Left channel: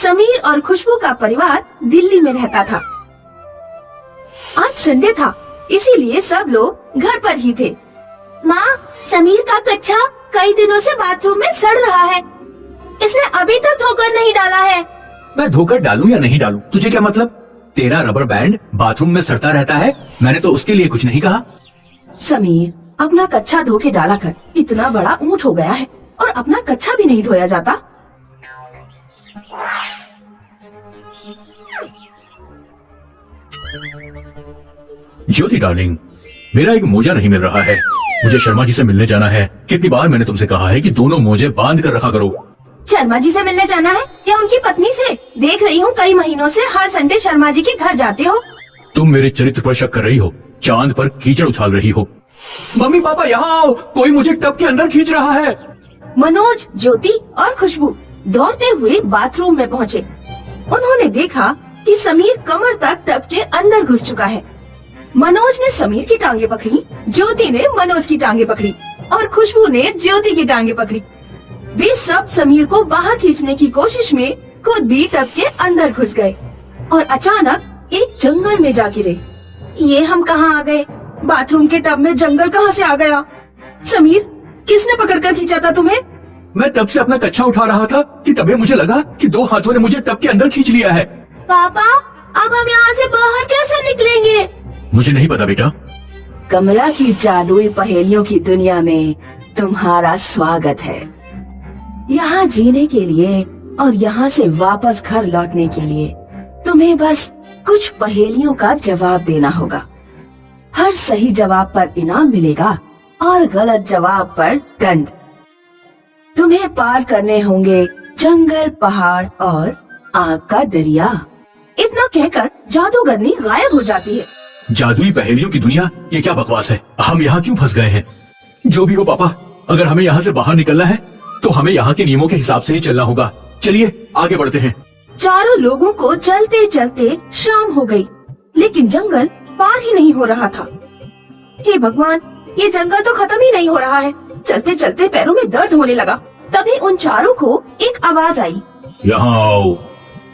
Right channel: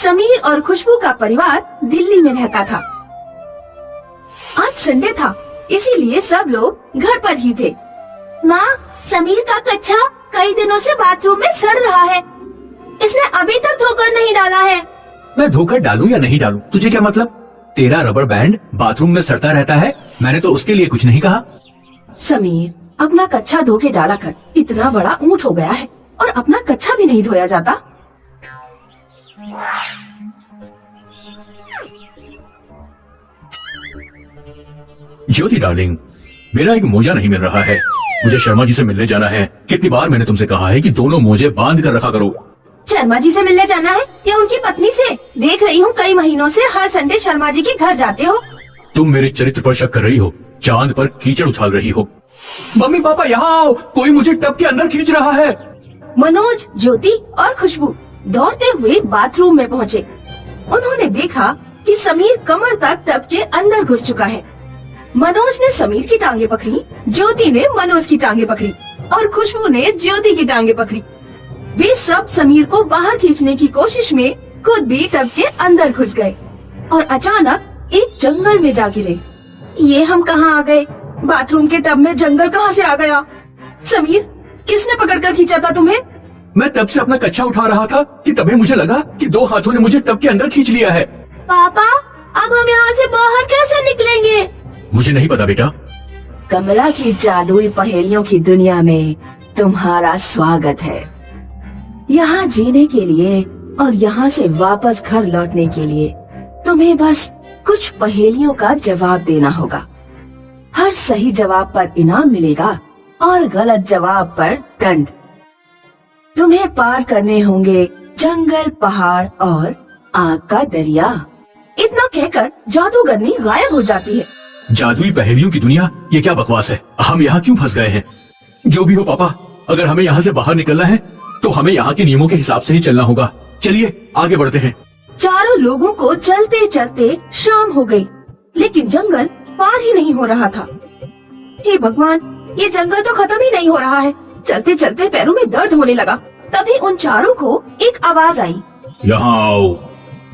समीर और खुशबू का परिवार दिल्ली में रहता था। आज संडे था, इसीलिए सब लोग घर पर ही थे। माँ, समीर का कच्चा कई दिनों से बाथरूम में सड़ रहा है। इसने अभी तक धोकर नहीं डाला है। मैं धोकर डालूं या नहीं डालूं, तुझे क्या मतलब? तेरा रबर बैंड बाथरूम में सड़ता रहता है, मैंने तो उसके लिए कुछ नहीं कहा। समीर, अपना कच्चा धो के डाला कर। इतना बड़ा ऊंट हो गया है और अपना कच्चा भी नहीं धोया जाता। ज्योति डार्लिंग, मेरा एक मोजा नहीं मिल रहा है। मुझे शर्मा जी से मिलने जाना है। कितनी बार मैंने तुमसे कहा है कि दोनों मोजे बांध कर रखा करो। शर्मा जी से मिलने जाना है या उनकी पत्नी से? देख रही हूँ कई महीनों से हर संडे शर्मा जी के घर जाते हो। तुम मेरे चरित्र पर शक कर रही हो, चांद पर कीचड़ उछाल रही हो। मम्मी पापा यहाँ आओ, कोई मुझे टब के अंदर खींच रहा है। मनोज, ज्योति और खुशबू दौड़ते हुए बाथरूम में पहुँचे। उन्होंने देखा कि समीर कमर तक टब के अंदर घुस चुका है। मनोज ने समीर की टांगे पकड़ी, ज्योति ने मनोज की टांगे पकड़ी और खुशबू ने ज्योति की टांगे पकड़ी। वे सब समीर को बाहर खींचने की कोशिश में खुद भी टब के अंदर घुस गए और अचानक एक जंगल में जा गिरे। ये हम कहाँ आ गए? बाथरूम के टब में जंगल कहाँ से आ गया? समीर, किसने पकड़कर खींचा था तुम्हें? मैं तब से अपना कच्चा उठा रहा था कि तभी मुझे लगा कि दो हाथों ने मुझे टब के अंदर खींच लिया है। पापा, अब हम यहाँ से बाहर कैसे निकलेंगे? मुझे नहीं पता बेटा। कमला की जादुई पहेलियों की दुनिया में तुम्हारा स्वागत है। यहाँ जीने के लिए और यहाँ से वापस घर लौटने के लिए तुम्हें बस कुछ पहेलियों का जवाब देना होगा। हर सही जवाब पर इनाम मिलेगा और गलत जवाब पर दंड। तुम्हें पार करने होंगे जंगल, पहाड़ और आग का दरिया। इतना कहकर जादूगरनी गायब हो जाती है। जादुई पहेलियों की दुनिया, ये क्या बकवास है? हम यहाँ क्यों फंस गए हैं? जो भी हो पापा, अगर हमें यहाँ से बाहर निकलना है तो हमें यहाँ के नियमों के हिसाब से ही चलना होगा। चलिए आगे बढ़ते हैं। चारों लोगों को चलते चलते शाम हो गई, लेकिन जंगल पार ही नहीं हो रहा था। हे भगवान, ये जंगल तो खत्म ही नहीं हो रहा है। चलते चलते पैरों में दर्द होने लगा। तभी उन चारों को एक आवाज आई। यहाँ आओ,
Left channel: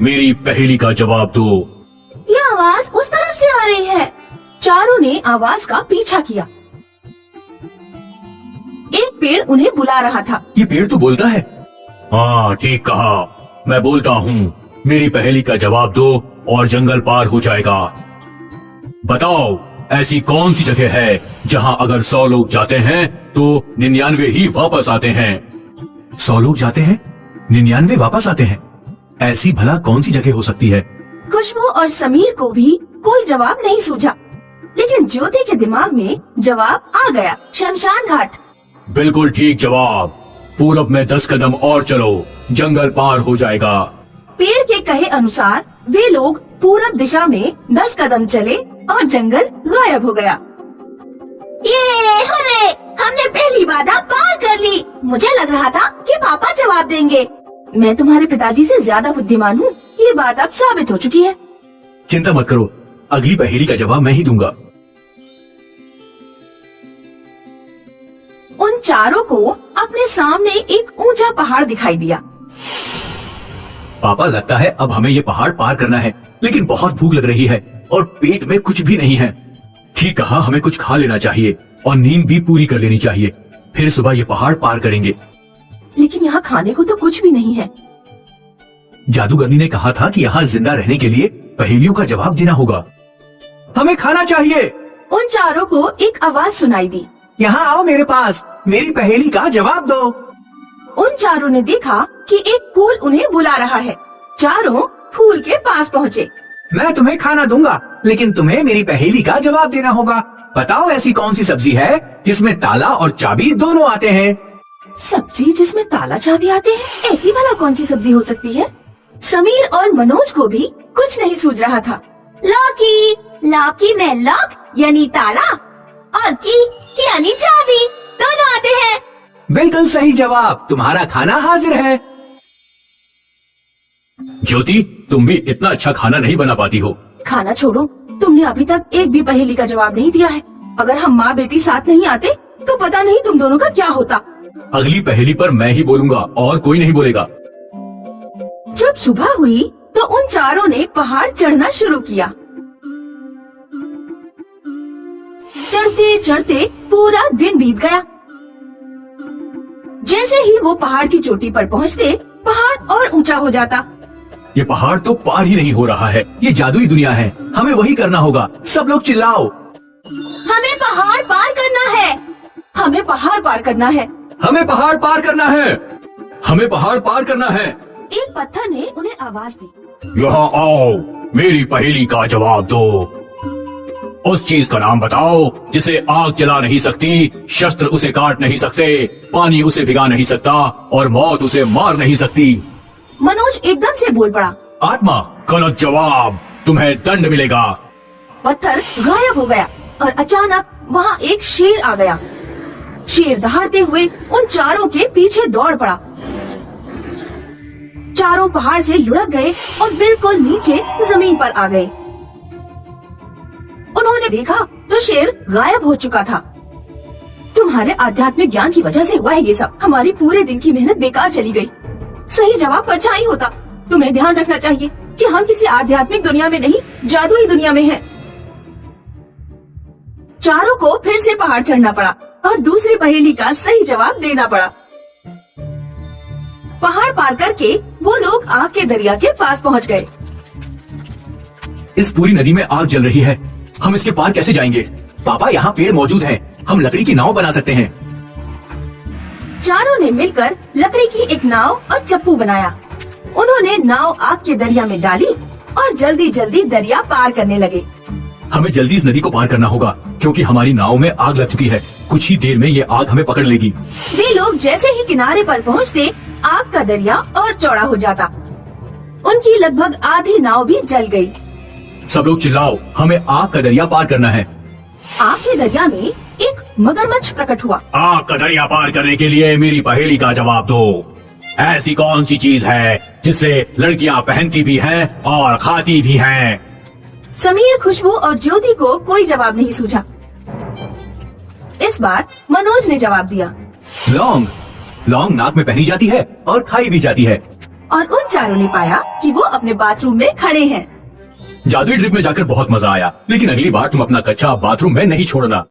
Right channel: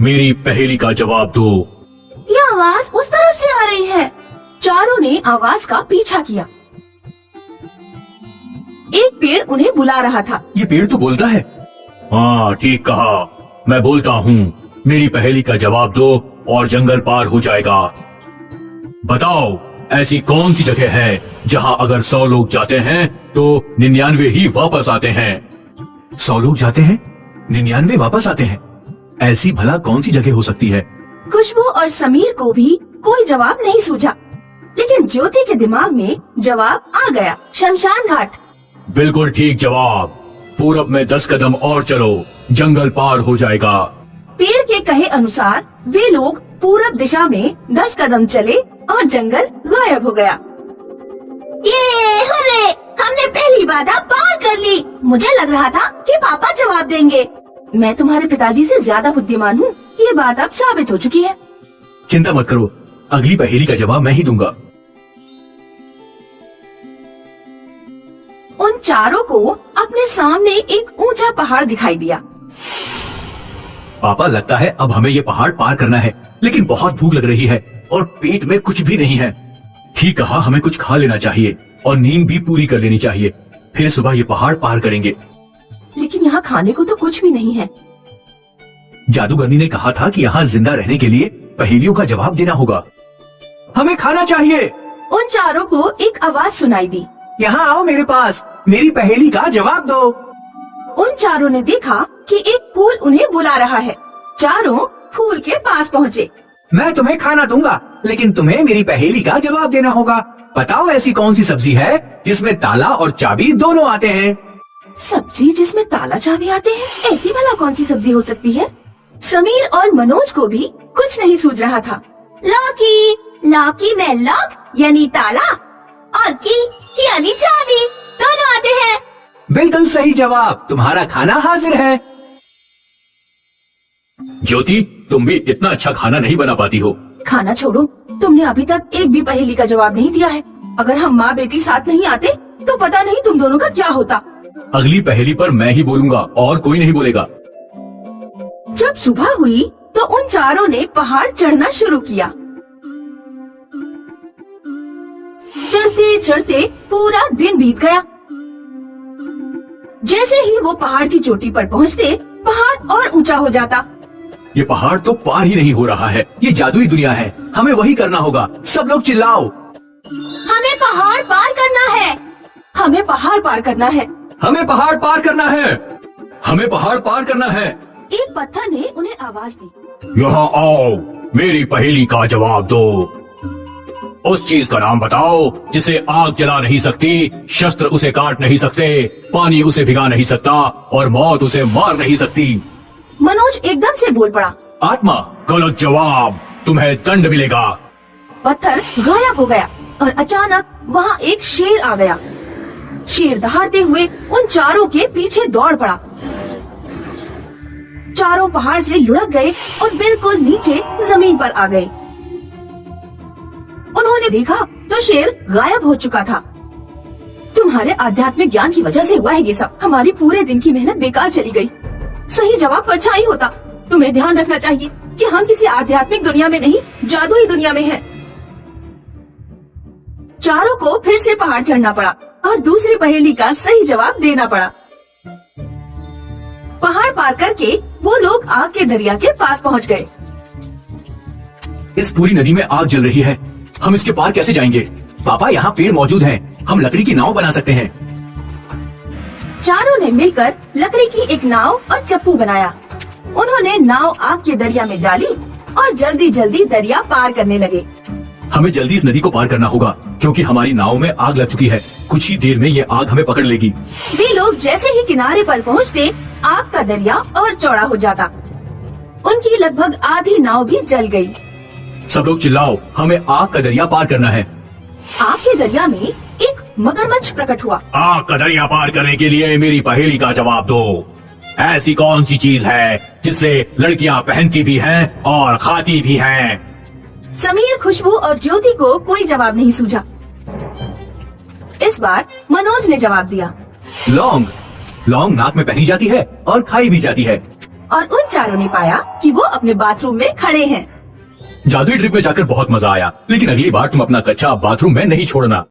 मेरी पहेली का जवाब दो। ये आवाज उस तरफ से आ रही है। चारों ने आवाज का पीछा किया। एक पेड़ उन्हें बुला रहा था। ये पेड़ तो बोलता है। हाँ, ठीक कहा, मैं बोलता हूँ। मेरी पहेली का जवाब दो और जंगल पार हो जाएगा। बताओ, ऐसी कौन सी जगह है जहाँ अगर 100 लोग जाते हैं तो 99 ही वापस आते हैं? 100 लोग जाते हैं, 99 वापस आते हैं। ऐसी भला कौन सी जगह हो सकती है? खुशबू और समीर को भी कोई जवाब नहीं सूझा, लेकिन ज्योति के दिमाग में जवाब आ गया। शमशान घाट। बिल्कुल ठीक जवाब। पूरब में 10 कदम और चलो, जंगल पार हो जाएगा। पेड़ के कहे अनुसार वे लोग पूरब दिशा में 10 कदम चले और जंगल गायब हो गया। ये हुर्रे, हमने पहली बाधा पार कर ली। मुझे लग रहा था कि पापा जवाब देंगे। मैं तुम्हारे पिताजी से ज्यादा बुद्धिमान हूँ, ये बात अब साबित हो चुकी है। चिंता मत करो, अगली पहेली का जवाब मैं ही दूंगा। उन चारों को अपने सामने एक ऊंचा पहाड़ दिखाई दिया। पापा, लगता है अब हमें ये पहाड़ पार करना है, लेकिन बहुत भूख लग रही है और पेट में कुछ भी नहीं है। ठीक कहा, हमें कुछ खा लेना चाहिए और नींद भी पूरी कर लेनी चाहिए। फिर सुबह ये पहाड़ पार करेंगे। लेकिन यहाँ खाने को तो कुछ भी नहीं है। जादूगरनी ने कहा था कि यहाँ जिंदा रहने के लिए पहेलियों का जवाब देना होगा। हमें खाना चाहिए। उन चारों को एक आवाज सुनाई दी। यहाँ आओ मेरे पास, मेरी पहेली का जवाब दो। उन चारों ने देखा कि एक फूल उन्हें बुला रहा है। चारों फूल के पास पहुँचे। मैं तुम्हें खाना दूंगा, लेकिन तुम्हें मेरी पहेली का जवाब देना होगा। बताओ, ऐसी कौन सी सब्जी है जिसमें ताला और चाबी दोनों आते हैं? सब्जी जिसमें ताला चाबी आते हैं? ऐसी भला कौन सी सब्जी हो सकती है? समीर और मनोज को भी कुछ नहीं सूझ रहा था। लौकी, लौकी में लॉक यानी ताला और की यानी चाबी, दोनों आते हैं। बिल्कुल सही जवाब, तुम्हारा खाना हाजिर है। ज्योति, तुम भी इतना अच्छा खाना नहीं बना पाती हो। खाना छोड़ो, तुमने अभी तक एक भी पहेली का जवाब नहीं दिया है। अगर हम माँ बेटी साथ नहीं आते तो पता नहीं तुम दोनों का क्या होता। अगली पहेली पर मैं ही बोलूंगा और कोई नहीं बोलेगा। जब सुबह हुई तो उन चारों ने पहाड़ चढ़ना शुरू किया। चढ़ते चढ़ते पूरा दिन बीत गया। जैसे ही वो पहाड़ की चोटी पर पहुँचते, पहाड़ और ऊंचा हो जाता। ये पहाड़ तो पार ही नहीं हो रहा है। ये जादुई दुनिया है, हमें वही करना होगा। सब लोग चिल्लाओ। हमें पहाड़ पार करना है, हमें पहाड़ पार करना है, हमें पहाड़ पार करना है, हमें पहाड़ पार करना है। एक पत्थर ने उन्हें आवाज दी। यहाँ आओ, मेरी पहेली का जवाब दो। उस चीज का नाम बताओ जिसे आग जला नहीं सकती, शस्त्र उसे काट नहीं सकते, पानी उसे भिगा नहीं सकता और मौत उसे मार नहीं सकती। मनोज एकदम से बोल पड़ा। आत्मा। गलत जवाब, तुम्हें दंड मिलेगा। पत्थर गायब हो गया और अचानक वहाँ एक शेर आ गया। शेर दहाड़ते हुए उन चारों के पीछे दौड़ पड़ा। चारों पहाड़ से लुढ़क गए और बिल्कुल नीचे जमीन पर आ गए। उन्होंने देखा तो शेर गायब हो चुका था। तुम्हारे आध्यात्मिक ज्ञान की वजह से हुआ है ये सब। हमारी पूरे दिन की मेहनत बेकार चली गई। सही जवाब परछाई होता। तुम्हें ध्यान रखना चाहिए कि हम किसी आध्यात्मिक दुनिया में नहीं, जादुई दुनिया में हैं। चारों को फिर से पहाड़ चढ़ना पड़ा और दूसरी पहेली का सही जवाब देना पड़ा। पहाड़ पार करके वो लोग आग के दरिया के पास पहुंच गए। इस पूरी नदी में आग जल रही है, हम इसके पार कैसे जाएंगे? पापा, यहाँ पेड़ मौजूद हैं, हम लकड़ी की नाव बना सकते हैं। चारों ने मिलकर लकड़ी की एक नाव और चप्पू बनाया। उन्होंने नाव आग के दरिया में डाली और जल्दी जल्दी दरिया पार करने लगे। हमें जल्दी इस नदी को पार करना होगा क्योंकि हमारी नाव में आग लग चुकी है। कुछ ही देर में ये आग हमें पकड़ लेगी। वे लोग जैसे ही किनारे पर पहुंचते, आग का दरिया और चौड़ा हो जाता। उनकी लगभग आधी नाव भी जल गई। सब लोग चिल्लाओ, हमें आग का दरिया पार करना है। आग के दरिया में एक मगरमच्छ प्रकट हुआ। आग का दरिया पार करने के लिए मेरी पहेली का जवाब दो। ऐसी कौन सी चीज है जिससे लड़कियां पहनती भी हैं और खाती भी हैं? समीर, खुशबू और ज्योति को कोई जवाब नहीं सूझा। इस बार मनोज ने जवाब दिया। लौंग। लौंग नाक में पहनी जाती है और खाई भी जाती है। और उन चारों ने पाया कि वो अपने बाथरूम में खड़े हैं। जादुई ट्रिप में जाकर बहुत मजा आया, लेकिन अगली बार तुम अपना कच्चा बाथरूम में नहीं छोड़ना।